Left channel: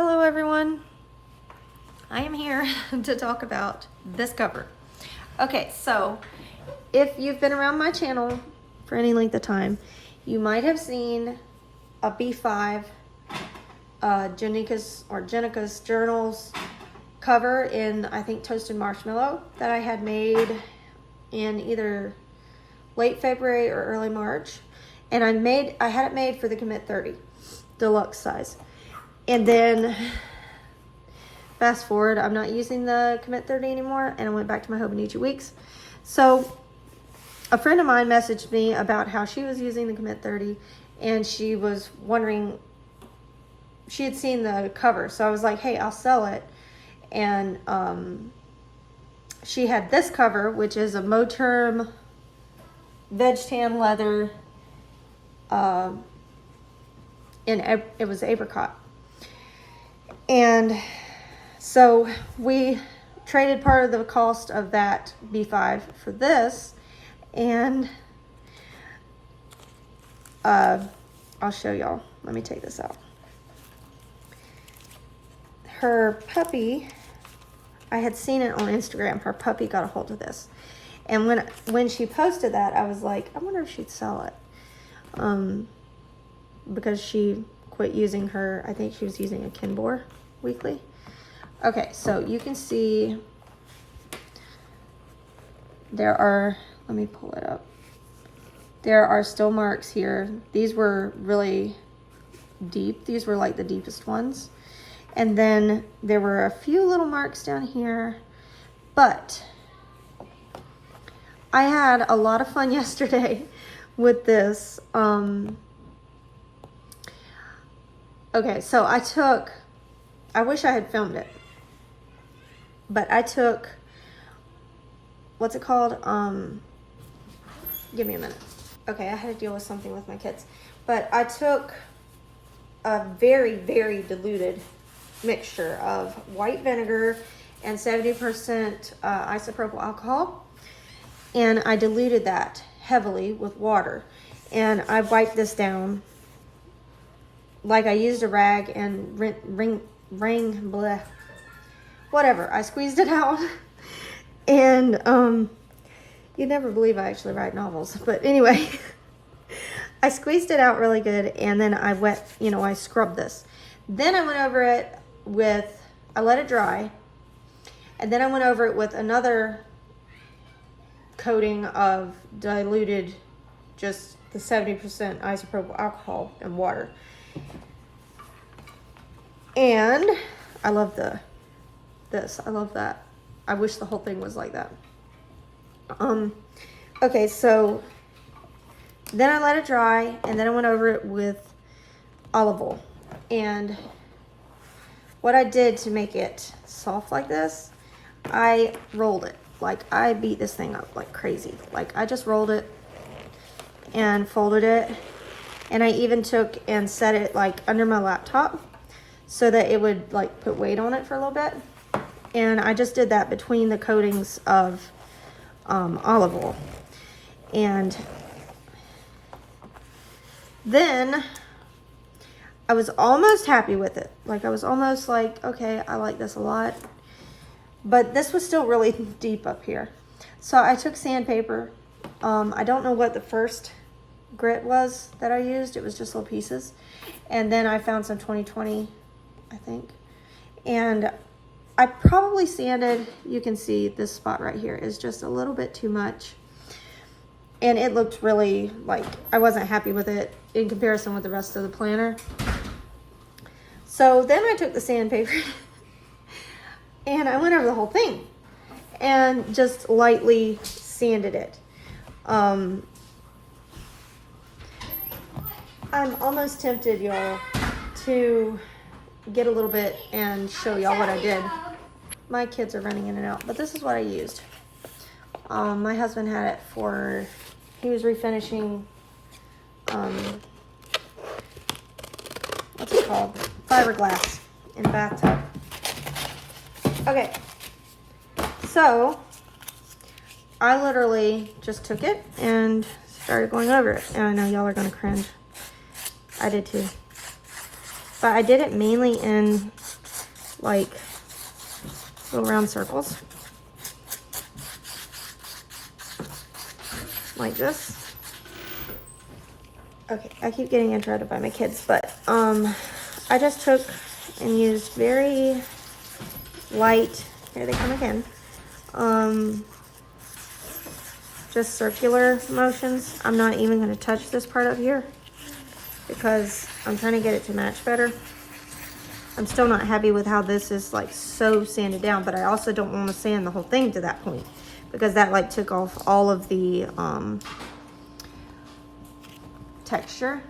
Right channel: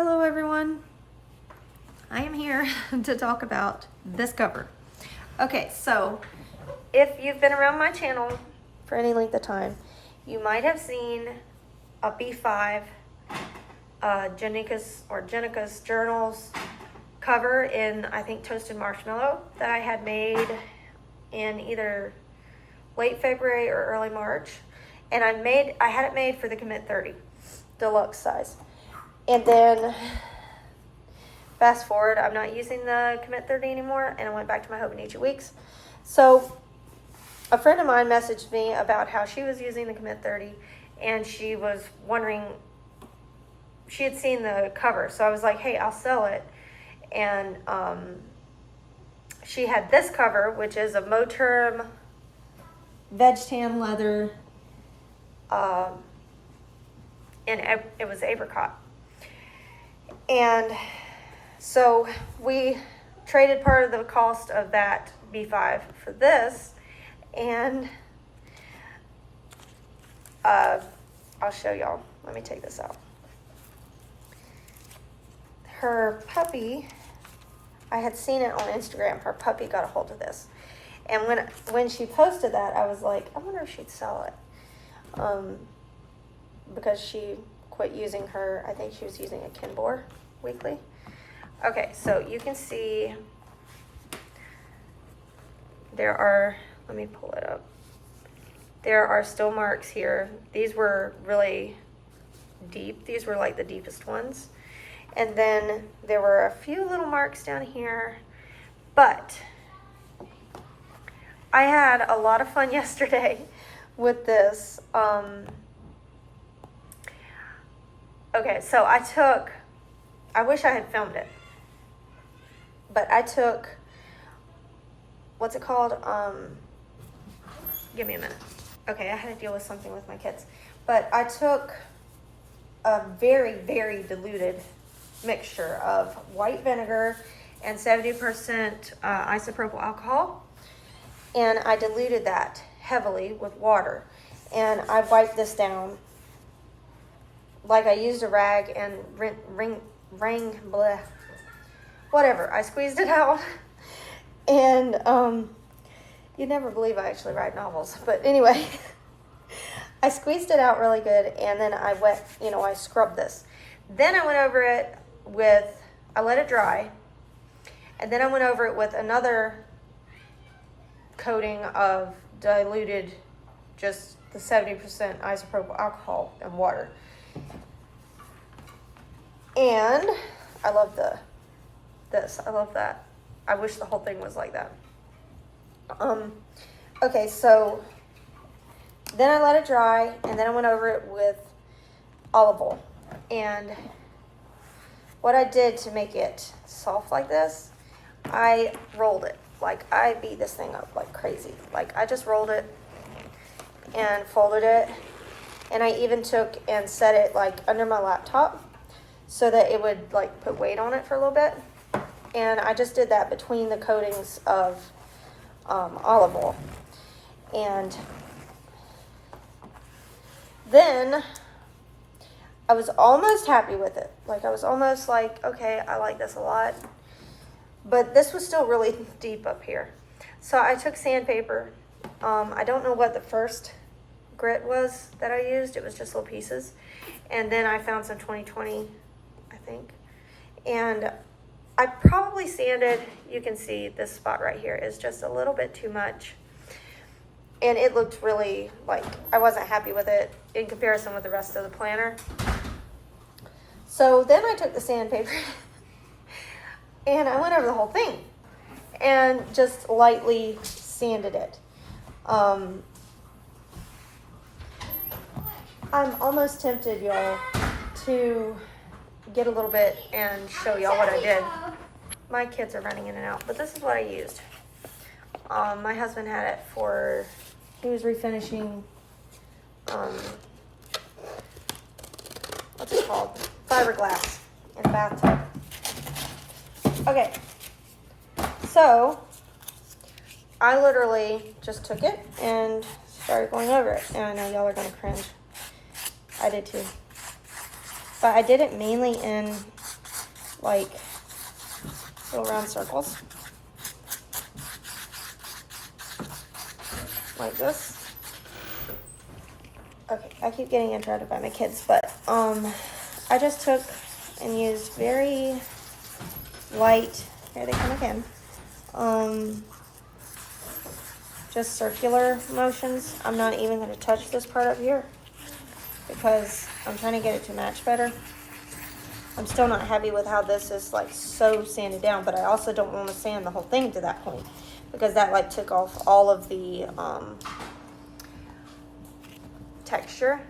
Hello everyone, I am here to talk about this cover. Okay, so if you've been around my channel for any length of time, you might have seen a B5 Jenica's Journals cover in, I think, Toasted Marshmallow that I had made in either late February or early March. And I had it made for the Commit 30 deluxe size. And then fast forward, I'm not using the Commit 30 anymore, and I went back to my Hobonichi Weeks. So a friend of mine messaged me about how she was using the Commit 30, and she was wondering, she had seen the cover. So I was like, hey, I'll sell it. And she had this cover, which is a Moterm veg tan leather, and it was Apricot. And so we traded part of the cost of that B5 for this, and I'll show y'all. Let me take this out. Her puppy, I had seen it on Instagram. Her puppy got a hold of this. And when she posted that, I was like, I wonder if she'd sell it. Because she quit using her, I think she was using a Kinbor weekly. Okay, so you can see there are, let me pull it up. There are still marks here. These were really deep. These were like the deepest ones. And then there were a few little marks down here, but I had a lot of fun yesterday with this. Okay, so I wish I had filmed it, but I took, what's it called? Give me a minute. Okay, I had to deal with something with my kids, but I took a very, very diluted mixture of white vinegar and 70% isopropyl alcohol, and I diluted that heavily with water, and I wiped this down like I used a rag and whatever. I squeezed it out, and you'd never believe I actually write novels, but anyway, I squeezed it out really good, and then I scrubbed this. Then I went over it I let it dry, and then I went over it with another coating of diluted, just the 70% isopropyl alcohol and water. And I love this. I love that. I wish the whole thing was like that. Okay, so then I let it dry, and then I went over it with olive oil. And what I did to make it soft like this, I rolled it. Like, I beat this thing up like crazy. Like, I just rolled it and folded it. And I even took and set it like under my laptop so that it would like put weight on it for a little bit. And I just did that between the coatings of olive oil. And then I was almost happy with it. Like, I was almost like, okay, I like this a lot. But this was still really deep up here. So I took sandpaper. I don't know what the first grit was that I used. It was just little pieces. And then I found some 2020, I think. And I probably sanded, you can see this spot right here is just a little bit too much. And it looked really, like, I wasn't happy with it in comparison with the rest of the planner. So then I took the sandpaper and I went over the whole thing and just lightly sanded it. I'm almost tempted, y'all, to get a little bit and show y'all what I did. My kids are running in and out, but this is what I used. My husband had it for, he was refinishing, what's it called? Fiberglass in the bathtub. Okay, so I literally just took it and started going over it. And I know y'all are gonna cringe. I did too. but I did it mainly in like little round circles. Like this. Okay, I keep getting interrupted by my kids, but I just took and used very light, here they come again, just circular motions. I'm not even going to touch this part up here because I'm trying to get it to match better. I'm still not happy with how this is like so sanded down, but I also don't want to sand the whole thing to that point because that like took off all of the texture.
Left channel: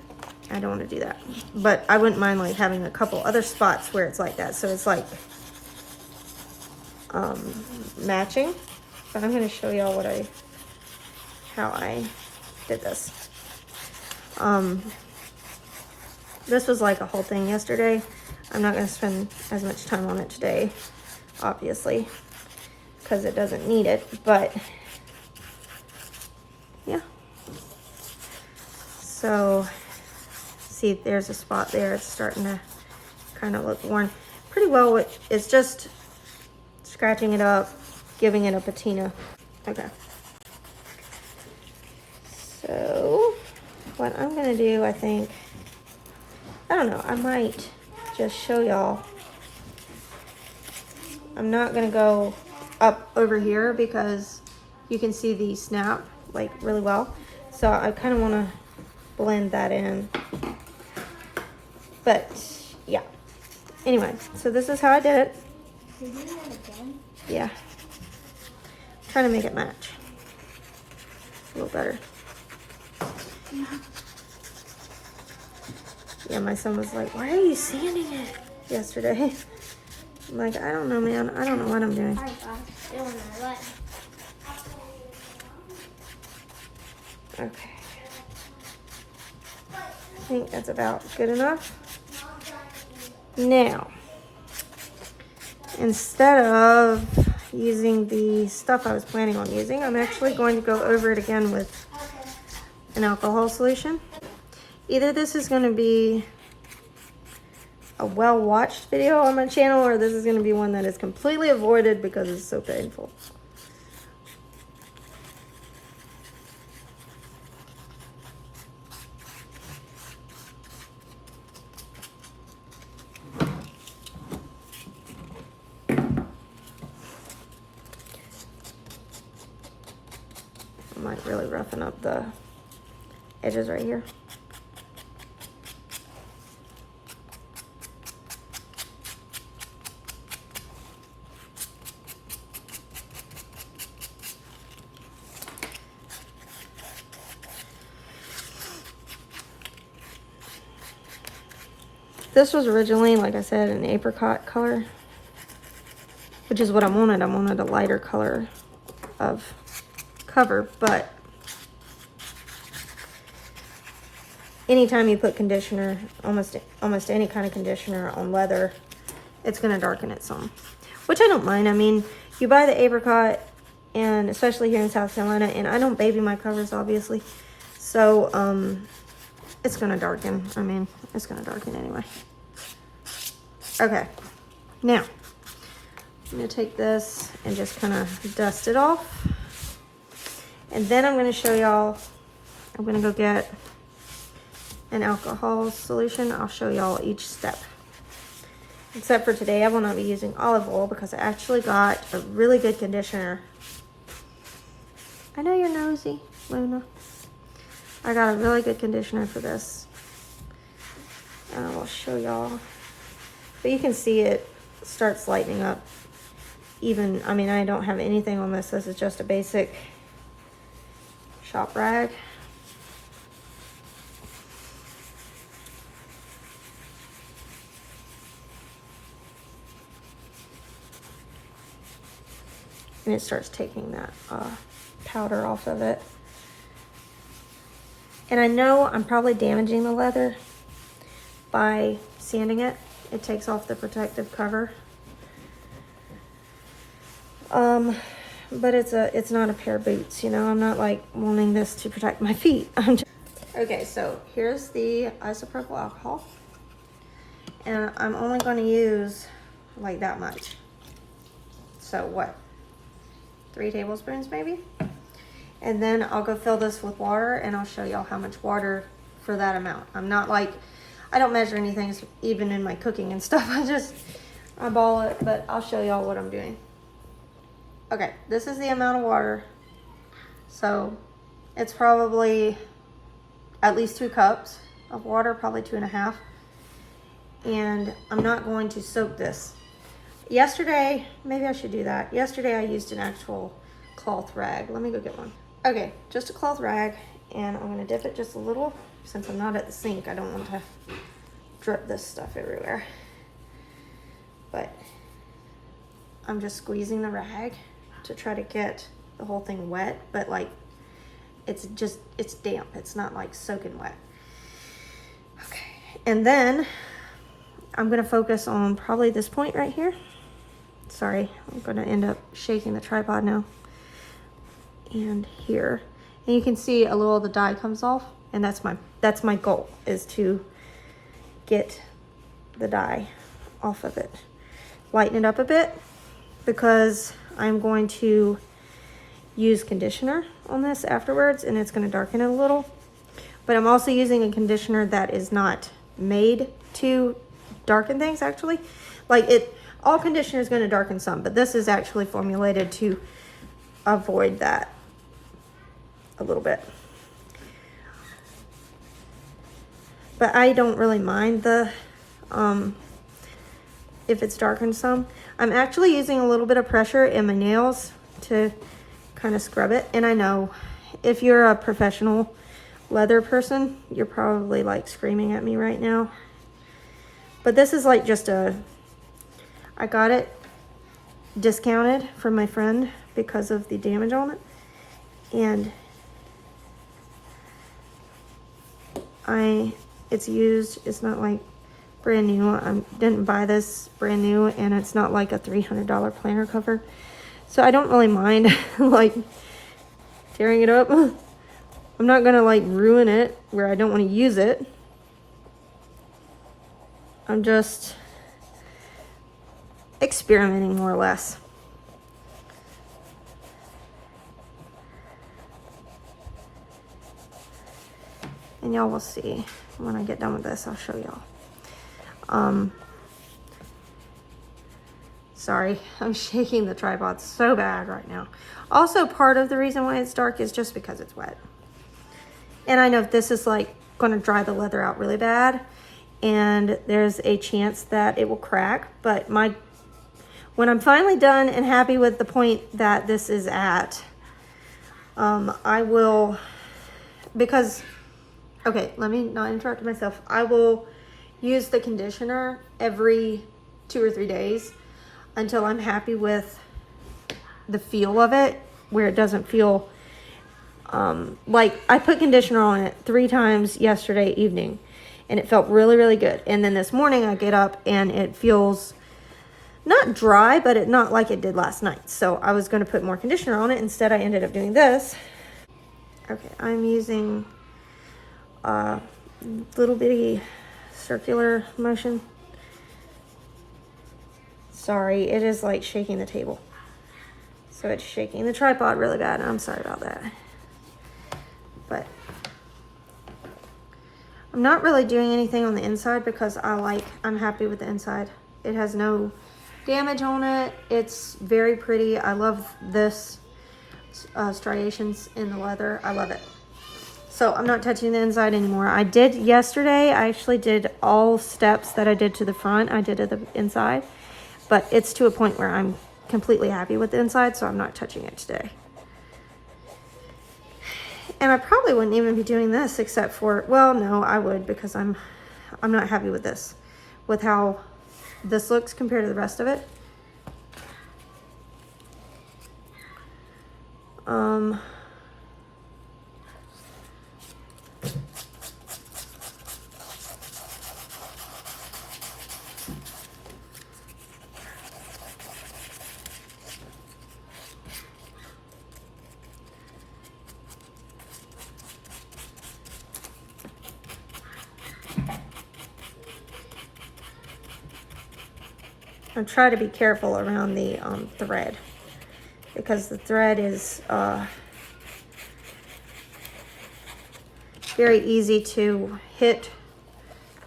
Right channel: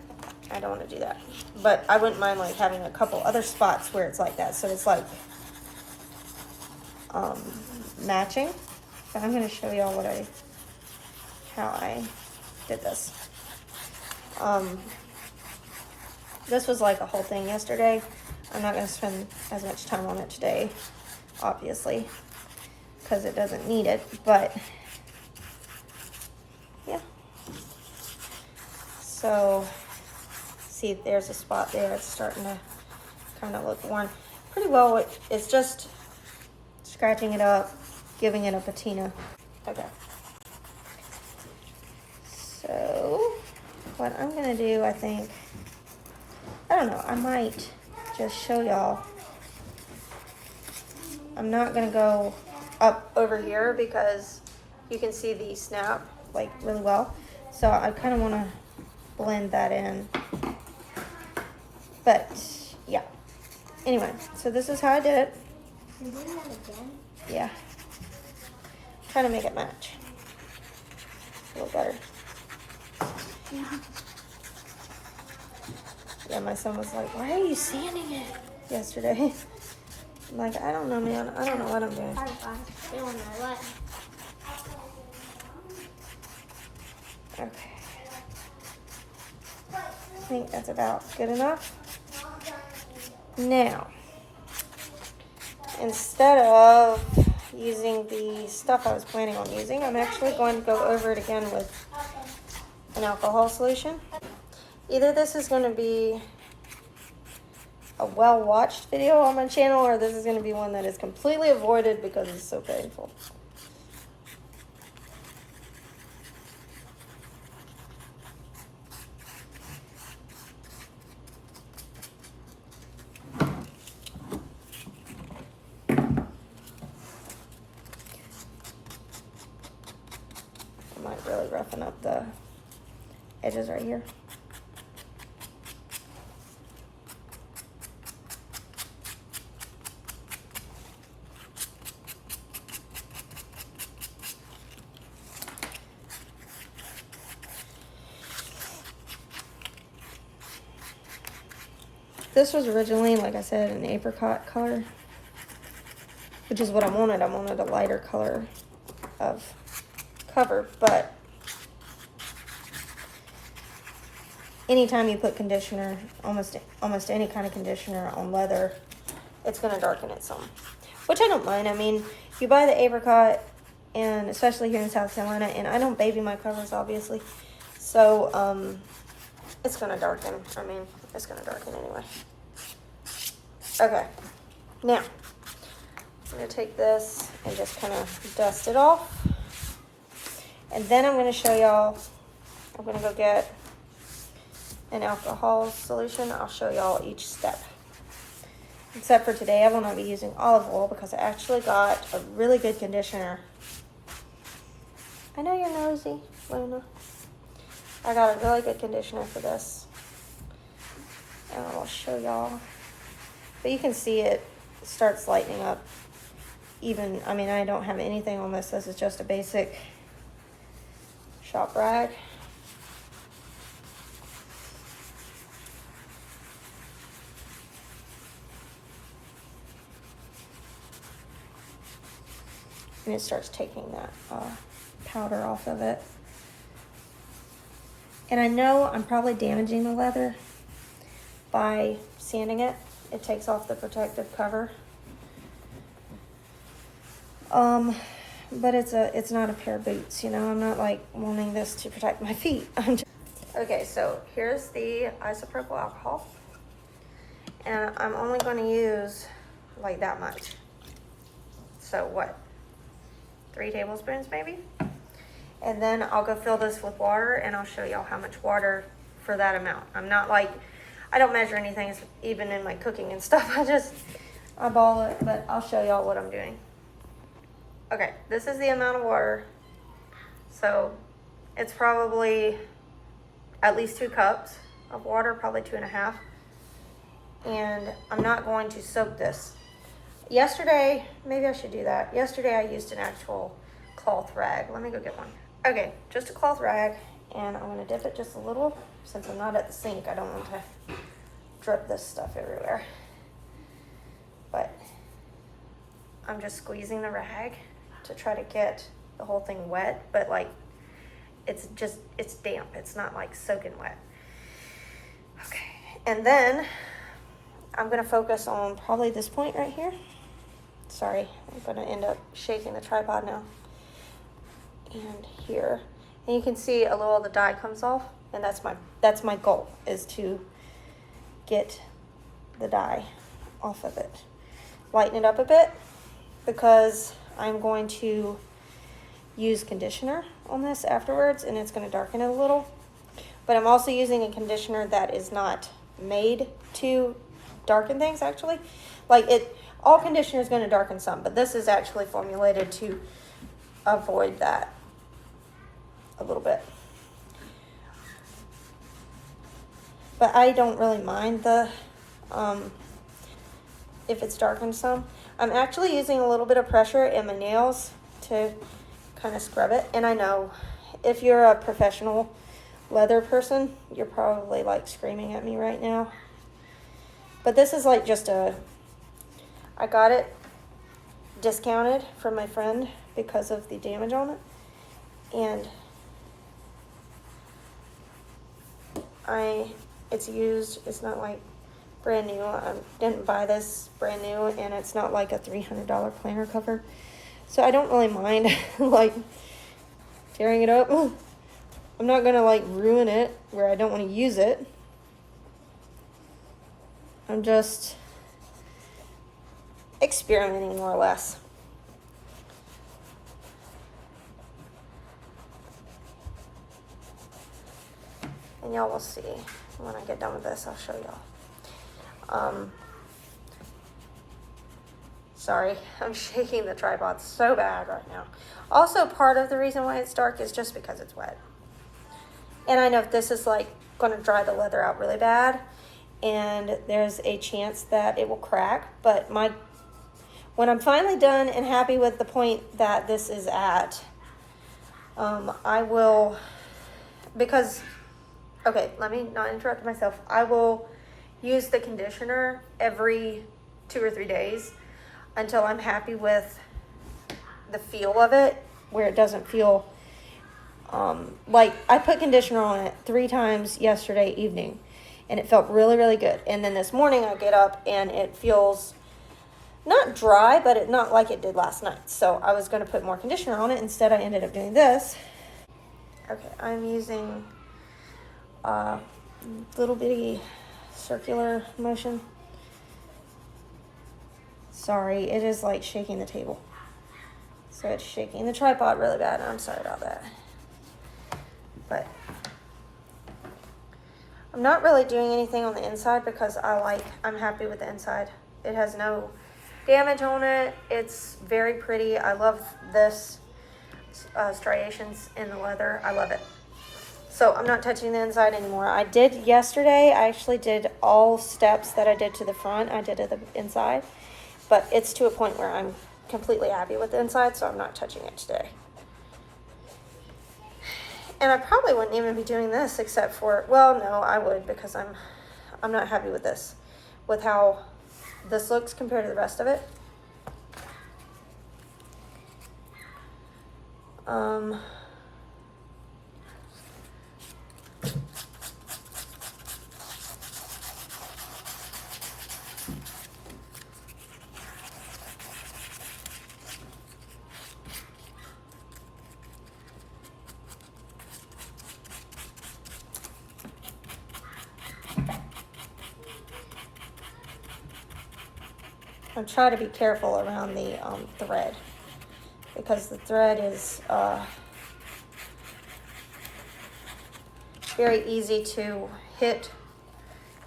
I don't want to do that, but I wouldn't mind like having a couple other spots where it's like that, so it's like matching. But I'm going to show y'all how I did this. This was like a whole thing yesterday. I'm not going to spend as much time on it today, obviously, because it doesn't need it, but yeah. So, see, there's a spot there. It's starting to kind of look worn pretty well. It's just scratching it up, giving it a patina. Okay. So, what I'm going to do, I think, I don't know, I might just show y'all. I'm not going to go up over here because you can see the snap like really well. So I kind of want to blend that in. But yeah. Anyway, so this is how I did it. Can you do that again? Yeah. Trying to make it match a little better. Yeah, my son was like, "Why are you sanding it?" yesterday. I'm like, I don't know, man. I don't know what I'm doing. Oh gosh, it won't matter what. Okay. I think that's about good enough. Now, instead of using the stuff I was planning on using, I'm actually going to go over it again with an alcohol solution. Either this is going to be a well-watched video on my channel, or this is going to be one that is completely avoided because it's so painful. I might really roughen up the edges right here. This was originally, like I said, an apricot color, which is what I wanted. I wanted a lighter color of cover, but anytime you put conditioner, almost any kind of conditioner on leather, it's going to darken it some, which I don't mind. I mean, you buy the apricot, and especially here in South Carolina, and I don't baby my covers, obviously, so it's going to darken. I mean, it's going to darken anyway. Okay, now I'm going to take this and just kind of dust it off, and then I'm going to show y'all. I'm going to go get an alcohol solution. I'll show y'all each step. Except for today, I will not be using olive oil because I actually got a really good conditioner. I know you're nosy, Luna. I got a really good conditioner for this, and I will show y'all. But you can see it starts lightening up. Even, I mean, I don't have anything on this. This is just a basic shop rag. And it starts taking that powder off of it. And I know I'm probably damaging the leather by sanding it. It takes off the protective cover. But it's not a pair of boots, you know. I'm not like wanting this to protect my feet. Okay, so here's the isopropyl alcohol. And I'm only going to use like that much. So what? 3 tablespoons maybe? And then I'll go fill this with water and I'll show y'all how much water for that amount. I'm not like, I don't measure anything even in my cooking and stuff. I just eyeball it, but I'll show y'all what I'm doing. Okay, this is the amount of water. So it's probably at least 2 cups of water, probably 2.5. And I'm not going to soak this. Yesterday, maybe I should do that. Yesterday I used an actual cloth rag. Let me go get one. Okay, just a cloth rag, and I'm gonna dip it just a little. Since I'm not at the sink, I don't want to drip this stuff everywhere. But I'm just squeezing the rag to try to get the whole thing wet, but like it's damp. It's not like soaking wet. Okay, and then I'm gonna focus on probably this point right here. Sorry, I'm gonna end up shaking the tripod now. And here, and you can see a little of the dye comes off, and that's my goal, is to get the dye off of it. Lighten it up a bit, because I'm going to use conditioner on this afterwards, and it's gonna darken it a little. But I'm also using a conditioner that is not made to darken things, actually. Like all conditioner is going to darken some, but this is actually formulated to avoid that a little bit. But I don't really mind the if it's darkened some. I'm actually using a little bit of pressure in my nails to kind of scrub it. And I know if you're a professional leather person, you're probably like screaming at me right now. But this is like just I got it discounted from my friend because of the damage on it. And it's used, it's not like brand new. I didn't buy this brand new, and it's not like a $300 planner cover. So I don't really mind like tearing it up. I'm not gonna like ruin it where I don't want to use it. I'm just experimenting more or less. And y'all will see when I get done with this. I'll show y'all. Sorry, I'm shaking the tripod so bad right now. Also, part of the reason why it's dark is just because it's wet. And I know this is like going to dry the leather out really bad, and there's a chance that it will crack. But when I'm finally done and happy with the point that this is at, I will, because, okay, let me not interrupt myself. I will use the conditioner every 2 or 3 days until I'm happy with the feel of it, where it doesn't feel like I put conditioner on it 3 times yesterday evening, and it felt really, really good. And then this morning I get up and it feels not dry, but it not like it did last night. So I was going to put more conditioner on it. Instead, I ended up doing this. Okay, I'm using little bitty circular motion. Sorry, it is like shaking the table. So it's shaking the tripod really bad. I'm sorry about that. But I'm not really doing anything on the inside because I'm happy with the inside. It has no damage on it. It's very pretty. I love this striations in the leather. I love it. So I'm not touching the inside anymore. I did yesterday. I actually did all steps that I did to the front. I did to the inside, but it's to a point where I'm completely happy with the inside, so I'm not touching it today. And I probably wouldn't even be doing this except for, well, no, I would, because I'm not happy with this, with how this looks compared to the rest of it. I try to be careful around the thread, because the thread is very easy to hit.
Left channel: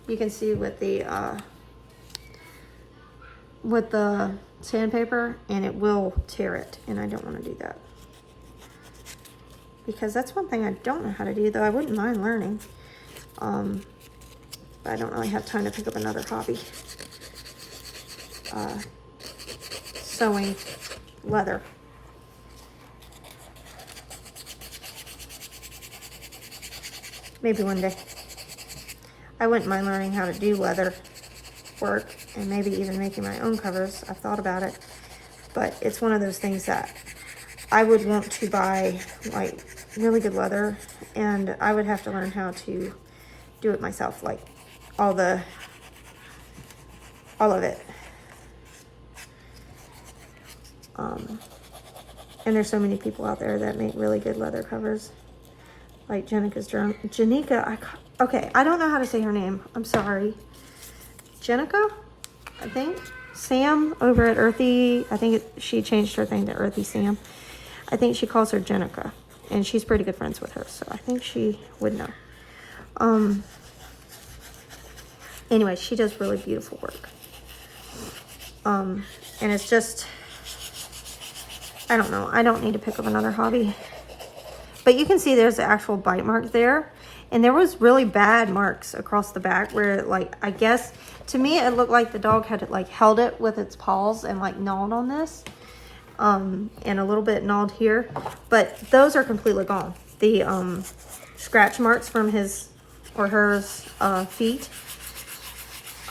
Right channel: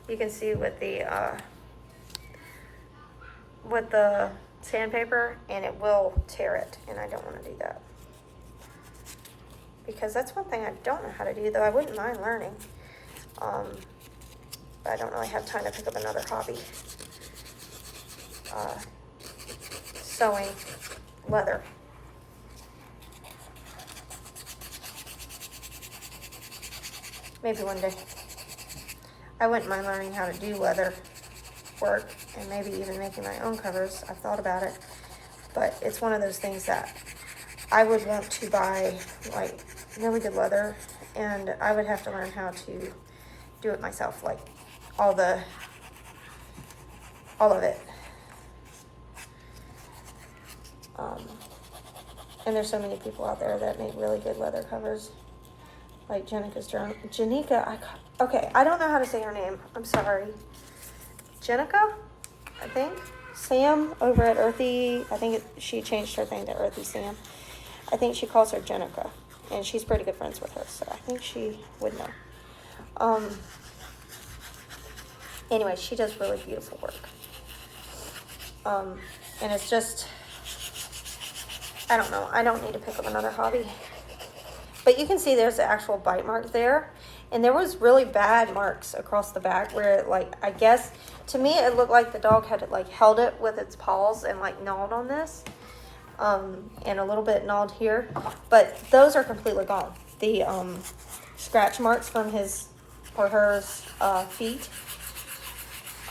You can see with the sandpaper, and it will tear it, and I don't want to do that. Because that's one thing I don't know how to do, though I wouldn't mind learning. But I don't really have time to pick up another hobby. Sewing leather. Maybe one day. I wouldn't mind learning how to do leather work, and maybe even making my own covers. I've thought about it, but it's one of those things that I would want to buy like really good leather, and I would have to learn how to do it myself, like all of it. And there's so many people out there that make really good leather covers, like Janika. Okay, I don't know how to say her name. I'm sorry. Jenica, I think. Sam over at Earthy. I think she changed her thing to Earthy Sam. I think she calls her Jenica, and she's pretty good friends with her, so I think she would know. Anyway, she does really beautiful work. And it's just, I don't know. I don't need to pick up another hobby. But you can see there's the actual bite mark there. And there was really bad marks across the back where, like, I guess, to me, it looked like the dog had, like, held it with its paws and, like, gnawed on this. And a little bit gnawed here. But those are completely gone. The scratch marks from his or her feet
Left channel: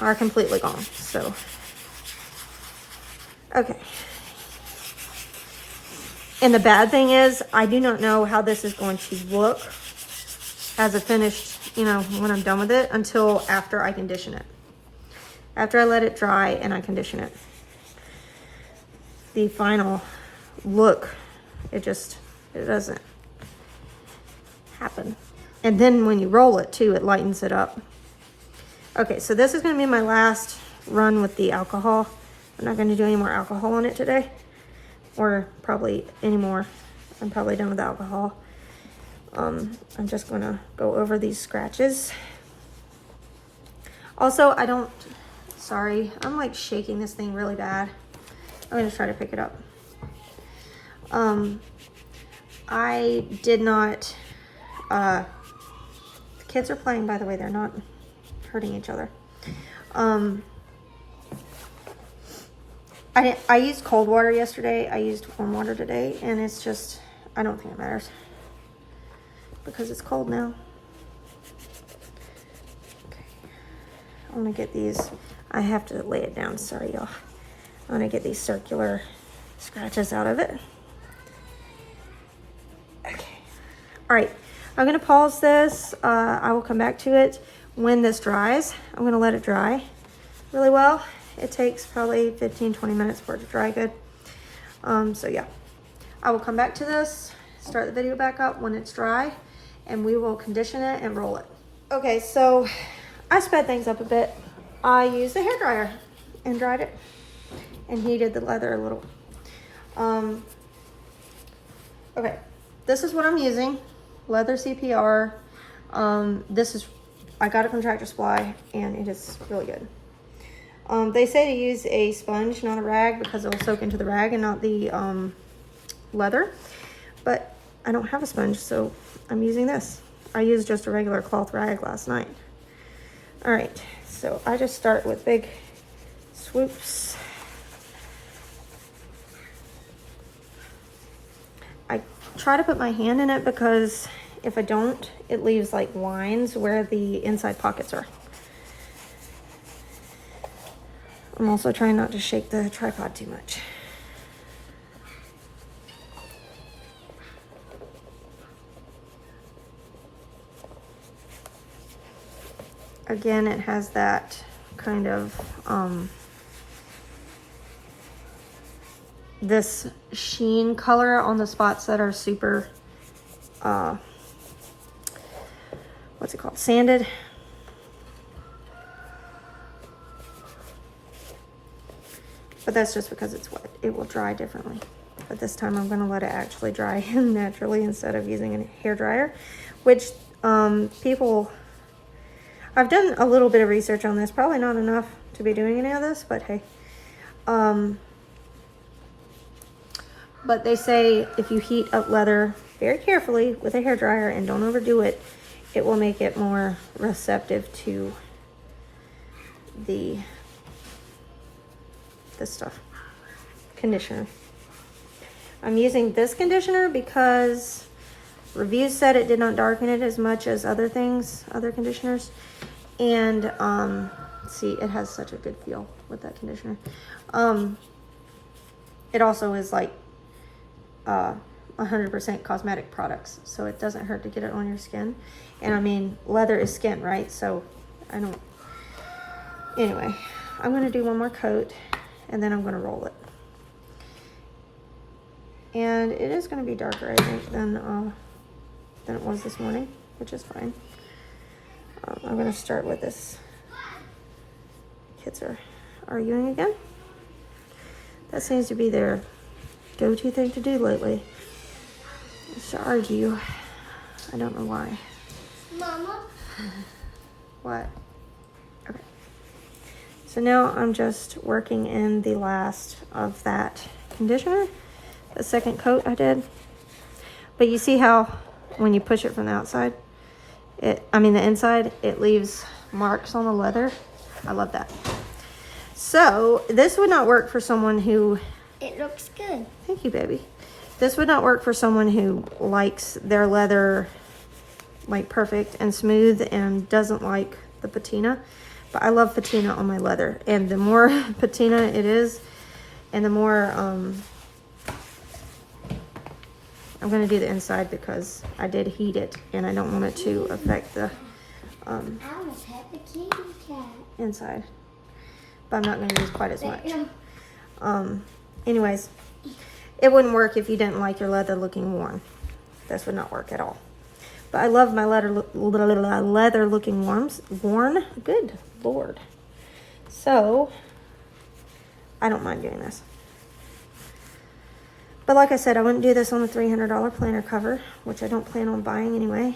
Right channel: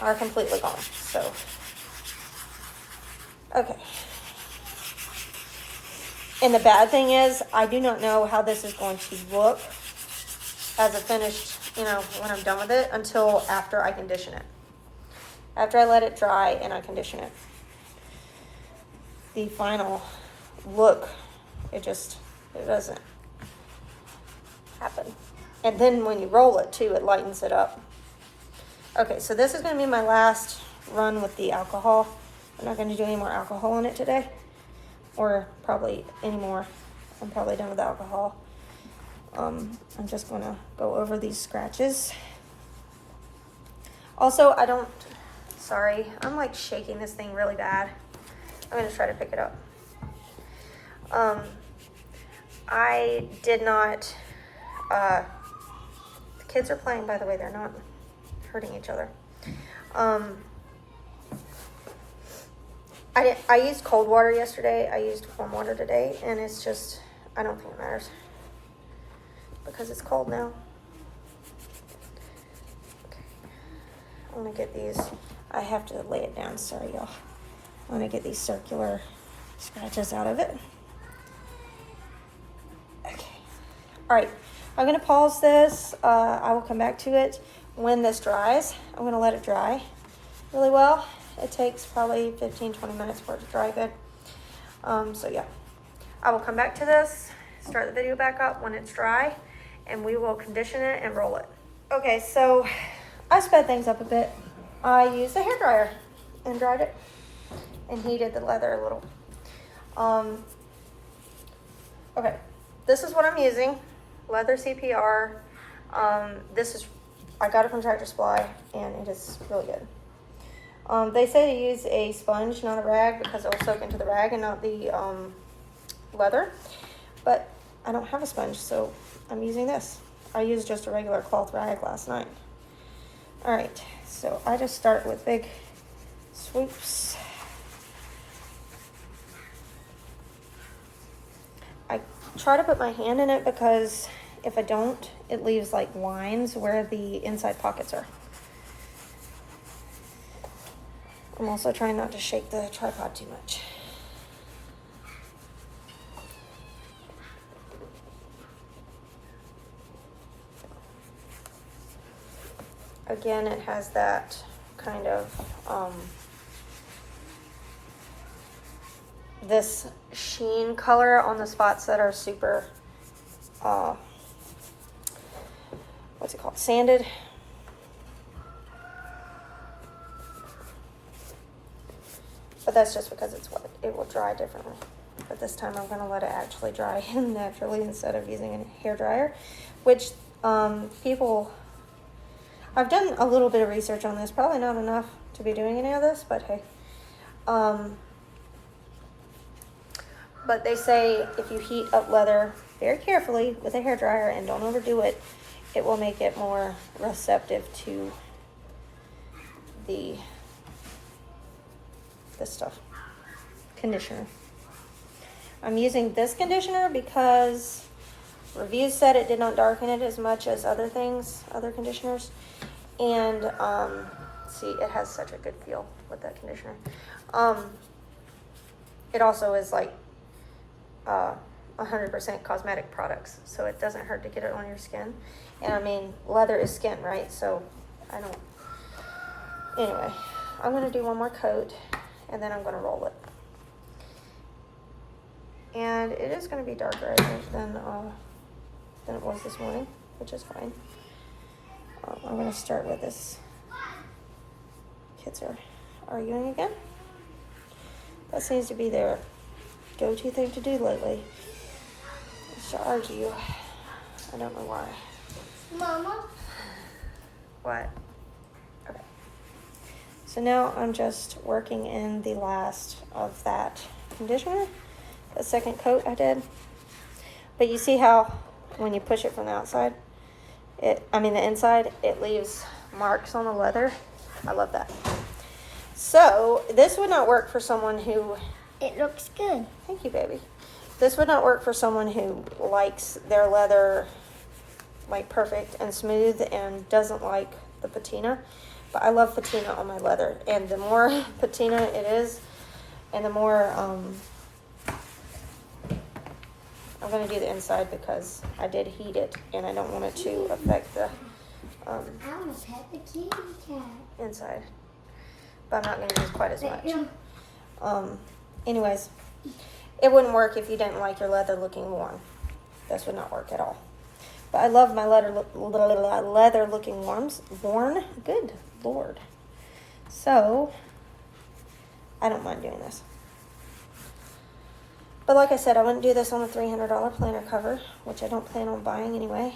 are completely gone. So, okay. And the bad thing is, I do not know how this is going to look as a finished, you know, when I'm done with it, until after I condition it. After I let it dry and I condition it. The final look, it doesn't happen. And then when you roll it too, it lightens it up. Okay, so this is gonna be my last run with the alcohol. I'm not gonna do any more alcohol on it today, or probably anymore. I'm probably done with the alcohol. I'm just gonna go over these scratches. Also, sorry, I'm like shaking this thing really bad. I'm gonna try to pick it up. I did not, the kids are playing, by the way, they're not hurting each other. I used cold water yesterday. I used warm water today, and it's just, I don't think it matters because it's cold now. Okay. I want to get these, I have to lay it down, sorry y'all. I want to get these circular scratches out of it. Okay. All right, I'm going to pause this. I will come back to it when this dries. I'm going to let it dry really well. It takes probably 15-20 minutes for it to dry good. So yeah, I will come back to this, start the video back up when it's dry, and we will condition it and roll it. Okay, so I sped things up a bit. I used a hairdryer and dried it and heated the leather a little. Okay, this is what I'm using, leather CPR. I got it from Tractor Supply, and it is really good. They say to use a sponge, not a rag, because it will soak into the rag and not the leather. But I don't have a sponge, so I'm using this. I used just a regular cloth rag last night. All right, so I just start with big swoops. I try to put my hand in it because if I don't, it leaves like lines where the inside pockets are. I'm also trying not to shake the tripod too much. Again, it has that kind of, this sheen color on the spots that are super, what's it called, sanded. But that's just because it's wet. It will dry differently. But this time I'm gonna let it actually dry naturally instead of using a hair dryer, which people, I've done a little bit of research on this, probably not enough to be doing any of this, but hey. But they say if you heat up leather very carefully with a hair dryer and don't overdo it, it will make it more receptive to this stuff, conditioner. I'm using this conditioner because reviews said it did not darken it as much as other things, other conditioners. And see, it has such a good feel with that conditioner. It also is like 100% cosmetic products, so it doesn't hurt to get it on your skin. And I mean, leather is skin, right? So I don't, anyway, I'm gonna do one more coat and then I'm gonna roll it. And it is gonna be darker, I think, than it was this morning, which is fine. I'm gonna start with this. Kids are arguing again. That seems to be their go-to thing to do lately, is to argue. I don't know why. Mama? What? Okay. So now I'm just working in the last of that conditioner, the second coat I did. But you see how when you push it from the outside, the inside, it leaves marks on the leather. I love that. So this would not work for someone who, It looks good. thank you, baby. This would not work for someone who likes their leather like perfect and smooth and doesn't like the patina. But I love patina on my leather. And the more patina it is, and the more, I'm gonna do the inside because I did heat it and I don't want it to affect the I almost had the kitty cat. inside. But I'm not gonna use quite as much. Anyways, it wouldn't work if you didn't like your leather looking worn. This would not work at all. But I love my leather looking worn. Good Lord. So I don't mind doing this. But like I said, I wouldn't do this on the $300 planner cover, which I don't plan on buying anyway.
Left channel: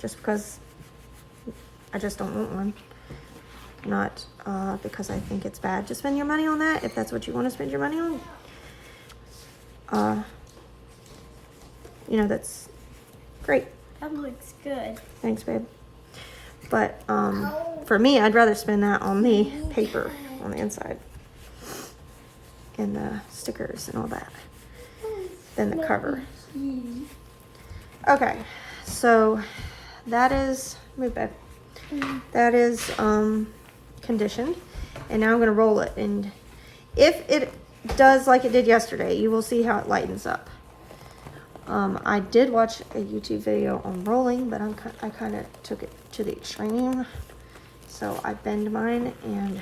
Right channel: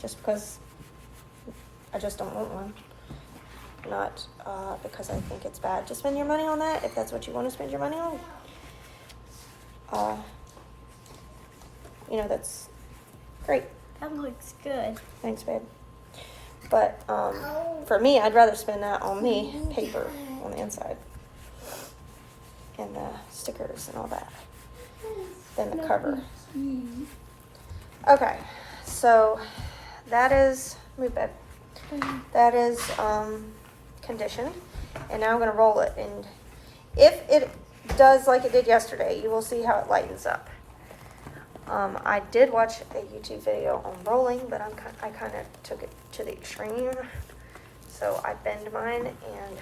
Just because I just don't want one. Not because I think it's bad to spend your money on that, if that's what you want to spend your money on. You know, that's great. That looks good. Thanks, babe. But for me, I'd rather spend that on the paper on the inside and the stickers and all that than the cover. Okay, so that is, move back. That is conditioned, and now I'm going to roll it. And if it does like it did yesterday, you will see how it lightens up. I did watch a YouTube video on rolling, but I kind of took it to the extreme. So I bend mine and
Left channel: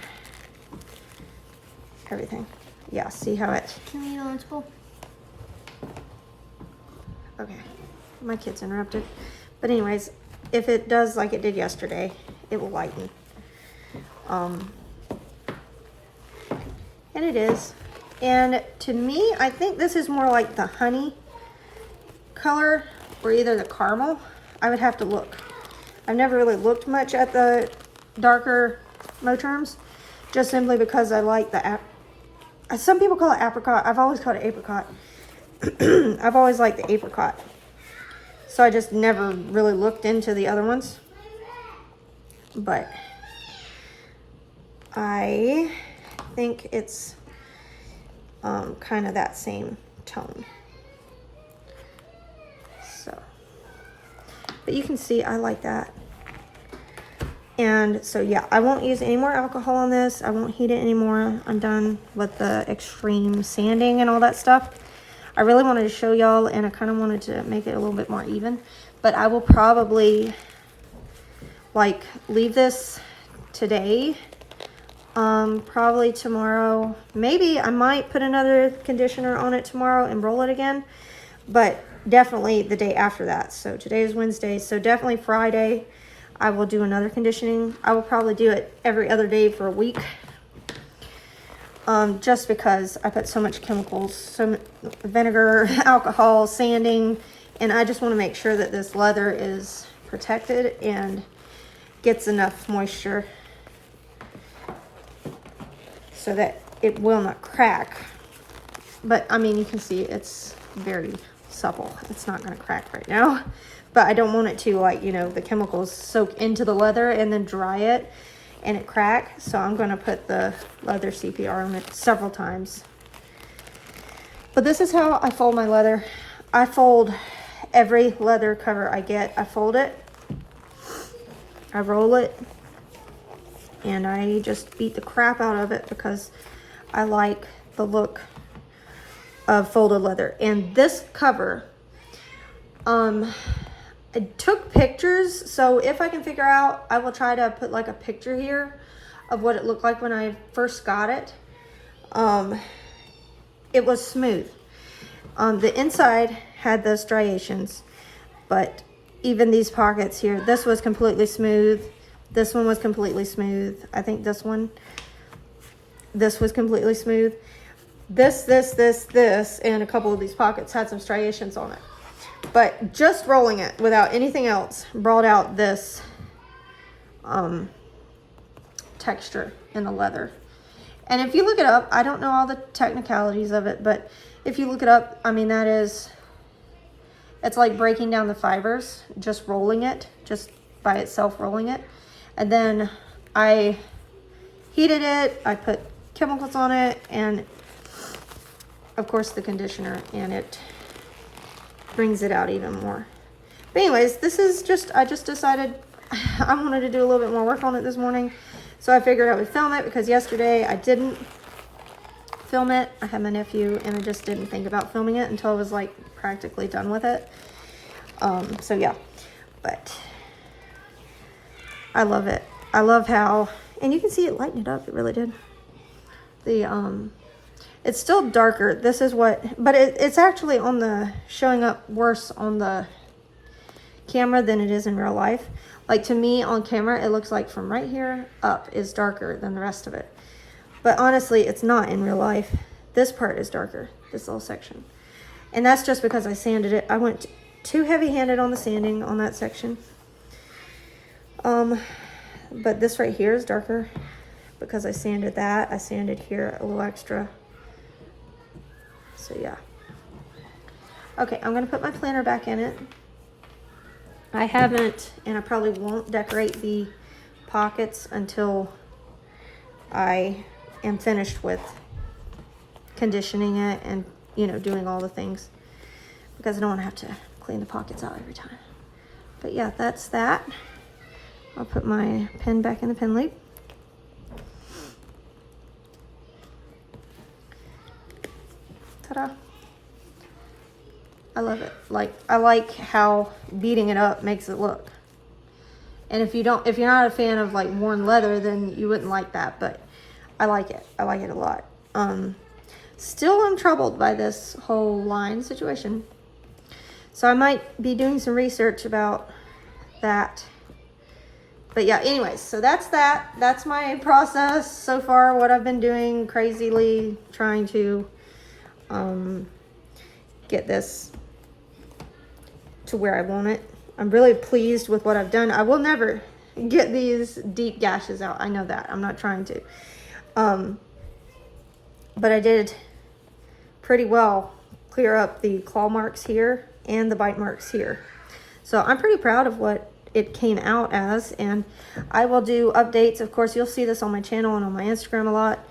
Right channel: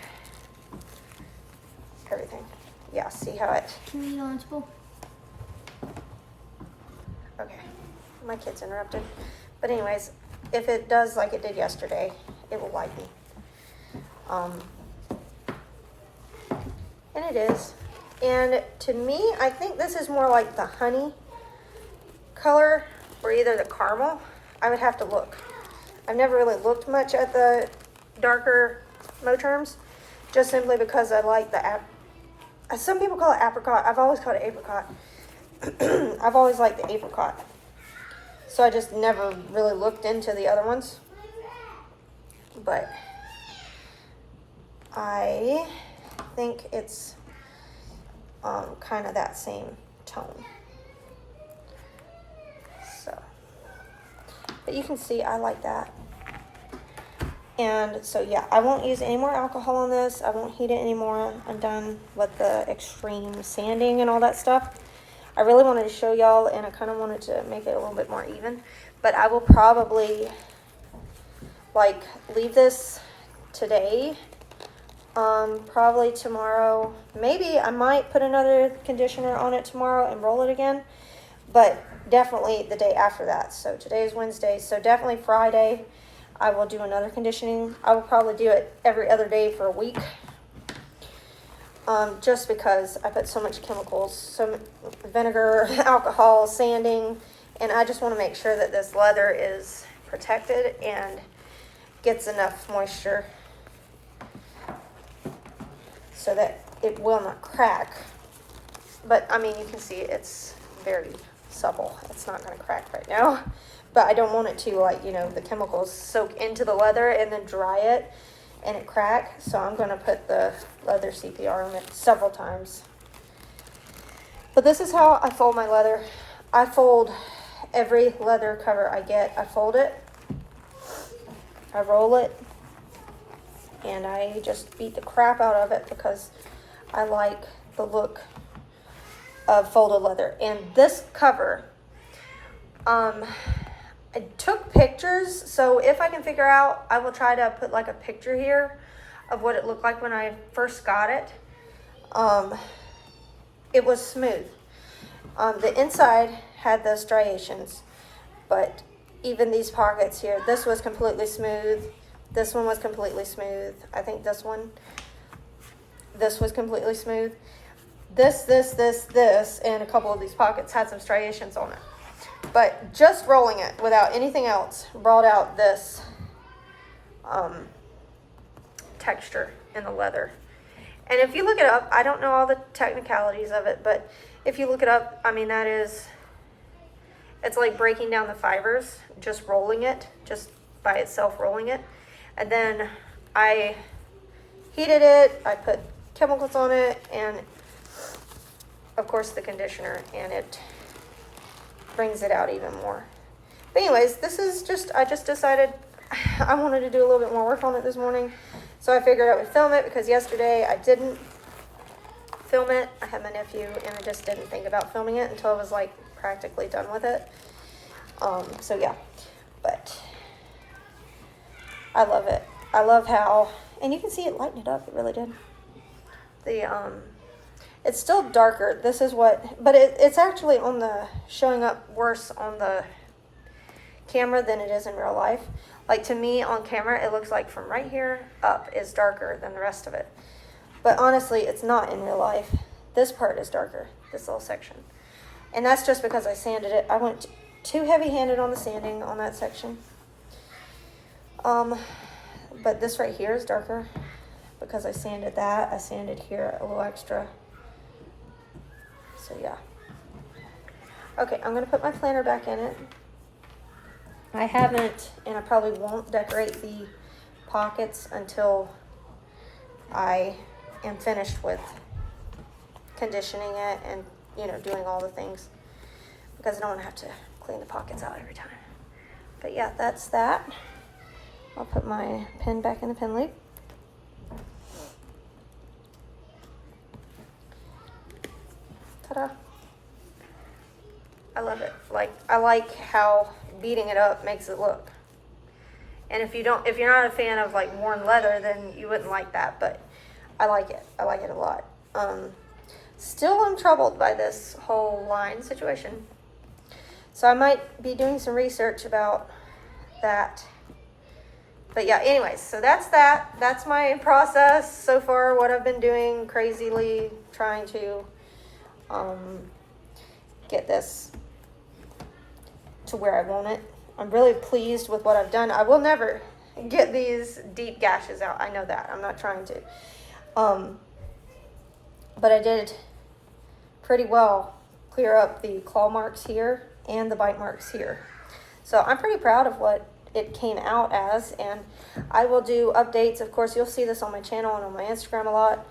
everything. Yeah, see how it... Can we go on school? Okay, my kid's interrupted. But anyways, if it does like it did yesterday, it will lighten. And it is. And to me, I think this is more like the honey color or either the caramel. I would have to look. I've never really looked much at the darker Moterms, just simply because I like the, some people call it apricot. I've always called it apricot. I've always liked the apricot. So I just never really looked into the other ones. But I think it's kind of that same tone. So, but you can see I like that. And so yeah, I won't use any more alcohol on this. I won't heat it anymore. I'm done with the extreme sanding and all that stuff. I really wanted to show y'all, and I kind of wanted to make it a little bit more even. But I will probably like leave this today, probably tomorrow. Maybe I might put another conditioner on it tomorrow and roll it again, but definitely the day after that. So today is Wednesday, so definitely Friday I will do another conditioning. I will probably do it every other day for a week. just because I put so much chemicals, so vinegar, alcohol, sanding, and I just want to make sure that this leather is protected and gets enough moisture so that it will not crack. But I mean, you can see it's very supple. It's not going to crack right now, but I don't want it to, like, you know, the chemicals soak into the leather and then dry it and it crack. So I'm going to put the leather CPR on it several times. But this is how I fold my leather. I fold every leather cover I get. I fold it, I roll it, and I just beat the crap out of it because I like the look of folded leather. And this cover, I took pictures, so if I can figure out, I will try to put like a picture here of what it looked like when I first got it. It was smooth. The inside had those striations, but even these pockets here, this was completely smooth. This one was completely smooth. I think this was completely smooth. This, and a couple of these pockets had some striations on it. But just rolling it without anything else brought out this texture in the leather. And if you look it up, I don't know all the technicalities of it, but if you look it up, I mean, it's like breaking down the fibers, just rolling it, just by itself rolling it. And then I heated it, I put chemicals on it, and of course the conditioner, and it brings it out even more. But anyways, this is I just decided I wanted to do a little bit more work on it this morning. So I figured I would film it because yesterday I didn't film it. I had my nephew and I just didn't think about filming it until I was like practically done with it. So yeah, but I love it. I love how, and you can see it lighten it up. It really did. It's still darker. This is what, but it's actually showing up worse on the camera than it is in real life. Like, to me on camera, it looks like from right here up is darker than the rest of it. But honestly, it's not in real life. This part is darker, this little section. And that's just because I sanded it. I went too heavy-handed on the sanding on that section. But this right here is darker because I sanded that. I sanded here a little extra. So yeah. Okay, I'm gonna put my planner back in it. I haven't, and I probably won't decorate the pockets until I am finished with conditioning it and, you know, doing all the things, because I don't want to have to clean the pockets out every time. But yeah, that's that. I'll put my pen back in the pen lead. Ta-da. I love it. I like how beating it up makes it look. And if you're not a fan of like worn leather, then you wouldn't like that, but I like it. I like it a lot. Still I'm troubled by this whole line situation. So I might be doing some research about that. But yeah, anyways, so that's that. That's my process so far, what I've been doing, crazily trying to get this to where I want it. I'm really pleased with what I've done. I will never get these deep gashes out. I know that. I'm not trying to. But I did pretty well clear up the claw marks here and the bite marks here. So I'm pretty proud of what it came out as, and I will do updates. Of course, you'll see this on my channel and on my Instagram a lot.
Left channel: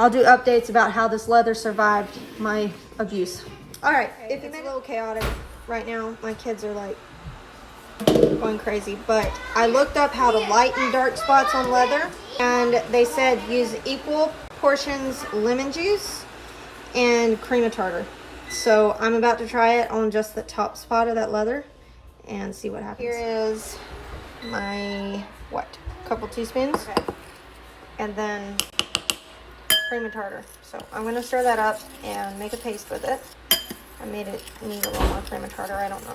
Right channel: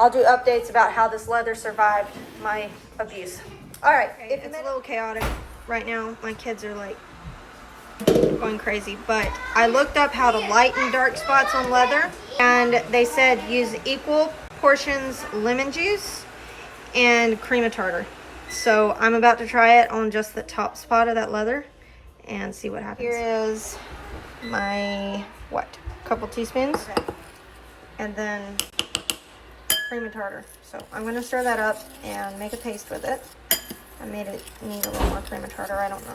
I'll do updates about how this leather survived my abuse. All right, it's a little chaotic right now. My kids are like going crazy, but I looked up how to lighten dark spots on leather, and they said use equal portions lemon juice and cream of tartar. So I'm about to try it on just the top spot of that leather and see what happens. Here is my, couple teaspoons, okay. And then cream of tartar. So I'm gonna stir that up and make a paste with it. I made it need a little more cream of tartar, I don't know.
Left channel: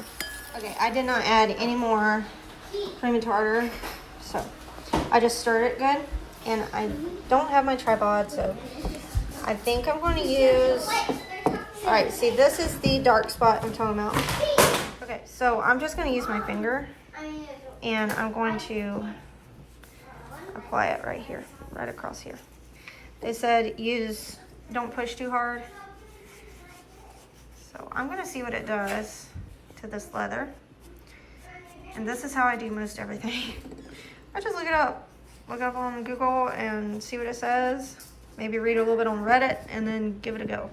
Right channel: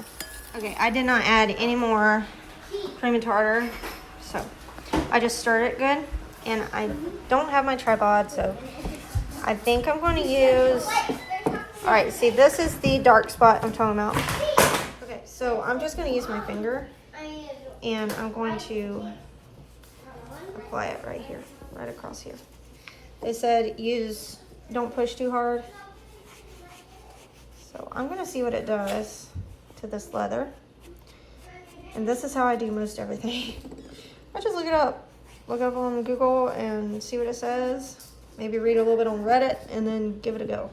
Okay, I did not add any more cream of tartar, so I just stirred it good. and I don't have my tripod, so I think I'm going to use, all right, see, this is the dark spot I'm talking about. Okay, so I'm just going to use my finger, and I'm going to apply it right here, right across here. They said don't push too hard. So I'm going to see what it does to this leather. And this is how I do most everything. I just look it up. Look up on Google and see what it says. Maybe read a little bit on Reddit and then give it a go.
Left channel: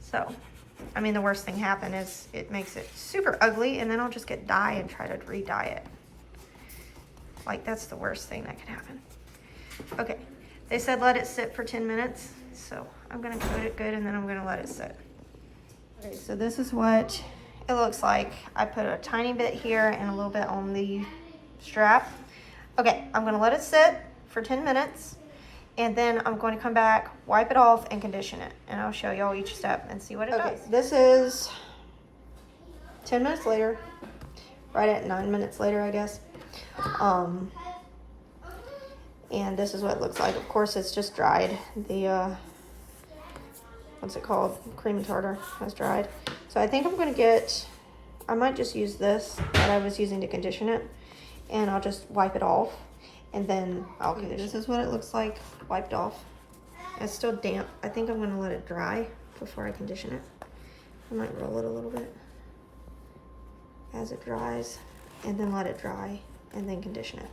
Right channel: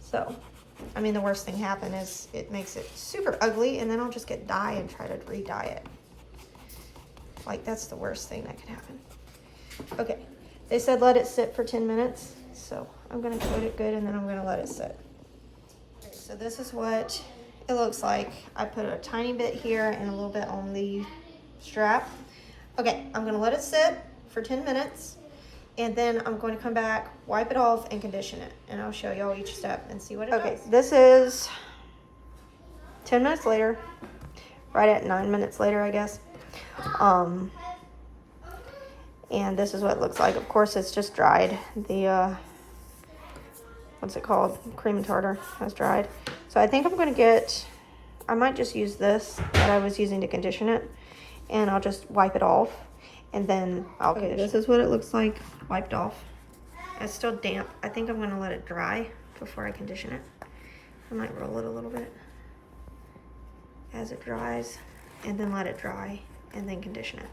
So, I mean, the worst thing happen is it makes it super ugly, and then I'll just get dye and try to re-dye it. Like, that's the worst thing that can happen. Okay, they said let it sit for 10 minutes. So I'm gonna coat it good, and then I'm gonna let it sit. Okay, so this is what it looks like. I put a tiny bit here and a little bit on the strap. Okay, I'm gonna let it sit for 10 minutes. And then I'm going to come back, wipe it off, and condition it. And I'll show y'all each step and see what it does. Okay, this is 10 minutes later. Right at 9 minutes later, I guess. And this is what it looks like. Of course, it's just dried. The, what's it called? Cream and tartar has dried. So I think I'm going to I might just use this that I was using to condition it. And I'll just wipe it off. And then I'll condition it. This is what it looks like wiped off. It's still damp. I think I'm going to let it dry before I condition it. I might roll it a little bit as it dries, and then let it dry, and then condition it.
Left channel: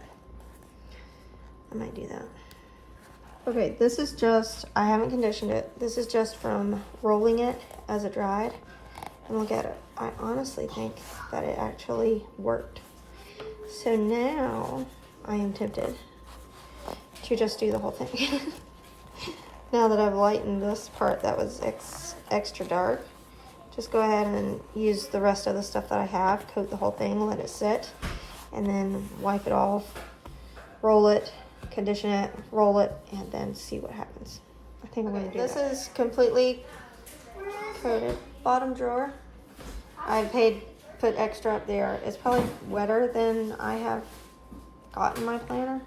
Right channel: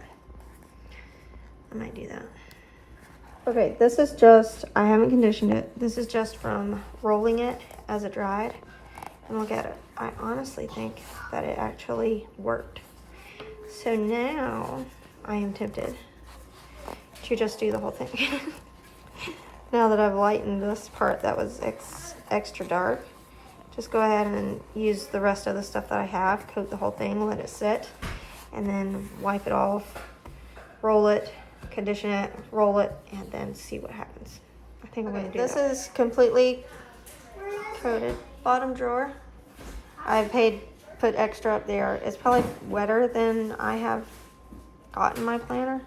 I might do that. Okay, this is just, I haven't conditioned it. This is just from rolling it as it dried. And look at it. I honestly think that it actually worked. So now I am tempted to just do the whole thing. Now that I've lightened this part that was extra dark, just go ahead and use the rest of the stuff that I have, coat the whole thing, let it sit, and then wipe it off, roll it, condition it, roll it, and then see what happens. I think I'm going to do that. This is completely coated. Bottom drawer, I put extra up there. It's probably wetter than I have gotten my planner.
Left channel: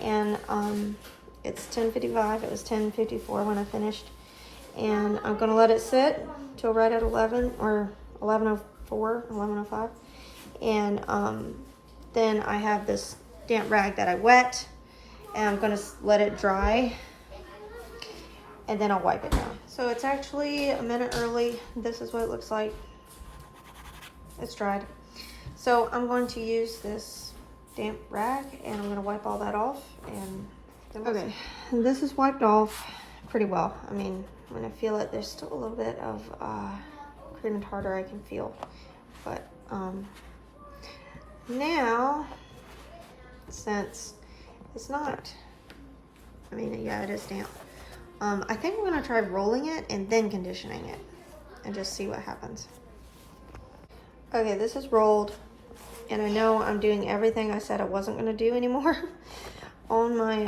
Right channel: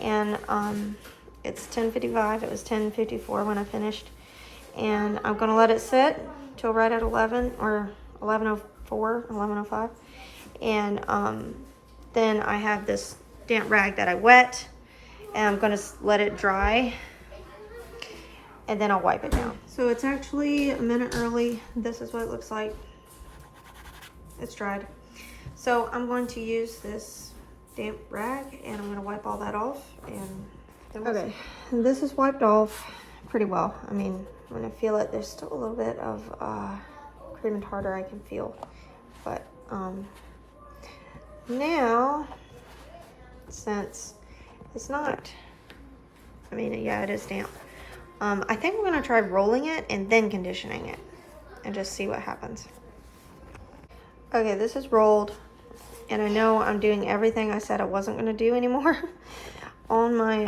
And it's 10:55. It was 10:54 when I finished. And I'm going to let it sit till right at 11 or 11:04, 11:05. And then I have this damp rag that I wet, and I'm going to let it dry, and then I'll wipe it down. So it's actually a minute early. This is what it looks like. It's dried. So I'm going to use this damp rag, and I'm going to wipe all that off, and then we'll see. And this is wiped off pretty well. I mean, when I feel it, there's still a little bit of cream and tartar I can feel, but now, since it's not, I mean, yeah, it is damp. I think I'm gonna try rolling it and then conditioning it and just see what happens. Okay, this is rolled, and I know I'm doing everything I said I wasn't gonna do anymore on my,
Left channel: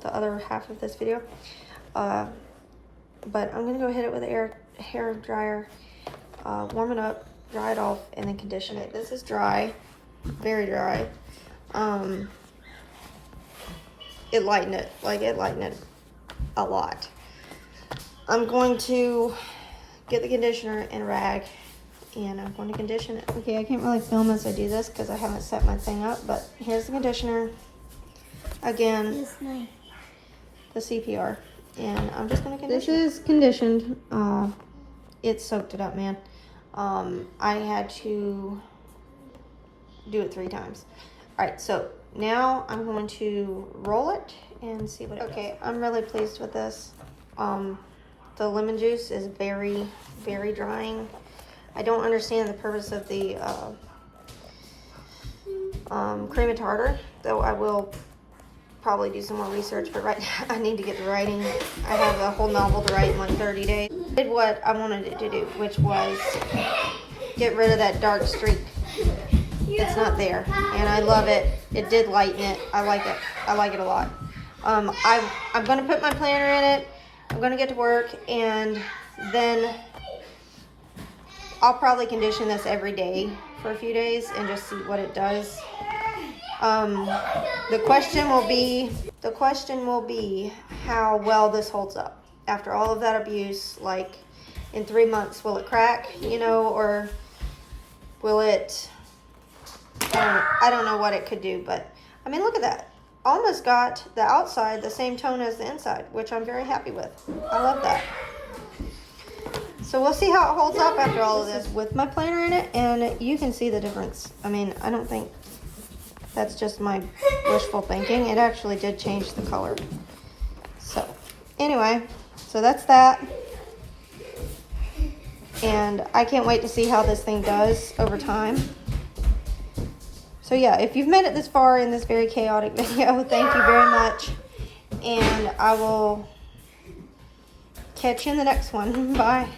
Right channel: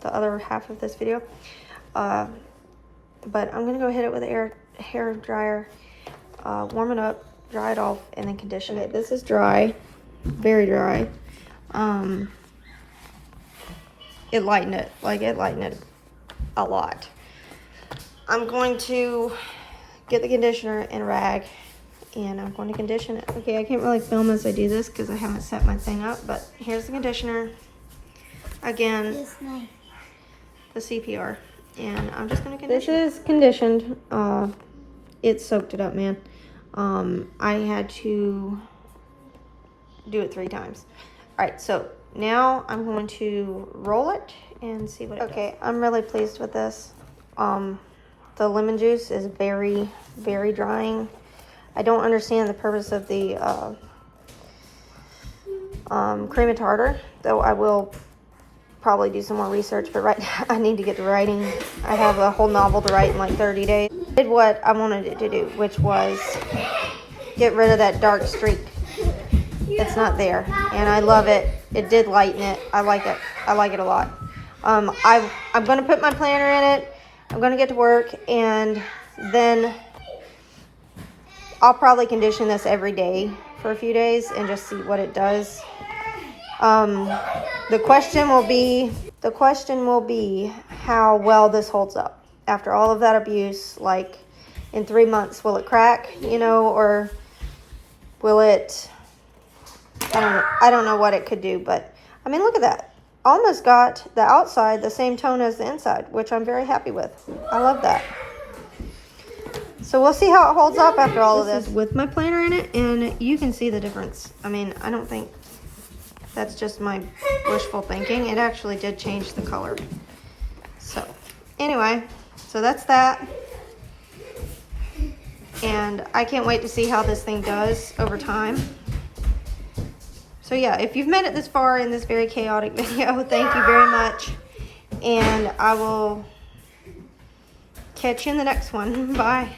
the other half of this video. But I'm gonna go hit it with an hair dryer, warm it up, dry it off, and then condition it. This is dry, very dry. It lightened it a lot. I'm going to get the conditioner and rag, and I'm going to condition it. Okay, I can't really film as I do this because I haven't set my thing up, but here's the conditioner. Again, the CPR, and I'm just going to condition. This is conditioned. It soaked it up, man. I had to do it 3 times. All right, so now I'm going to roll it and see what it does. I'm really pleased with this. The lemon juice is very, very drying. I don't understand the purpose of the cream and tartar, though I will probably do some more research, but right now I need to get to writing. I have a whole novel to write in like 30 days. I did what I wanted it to do, which was get rid of that dark streak. It's not there, and I love it. It did lighten it. I like it. I like it a lot. I'm going to put my planner in it. I'm going to get to work, and then I'll probably condition this every day for a few days and just see what it does. The question will be how well this holds up after all of that abuse. Like in 3 months, will it crack, you know, or will it, I don't know what it could do, but I mean, look at that. Almost got the outside the same tone as the inside, which I'm very happy with. I love that. So we'll see how it holds up after all of this. With my planner in it, and you can see the difference. I mean, I don't think that's just my wishful thinking. It actually did change the color. So anyway, so that's that. And I can't wait to see how this thing does over time. So yeah, if you've made it this far in this very chaotic video, thank you very much. And I will catch you in the next one. Bye.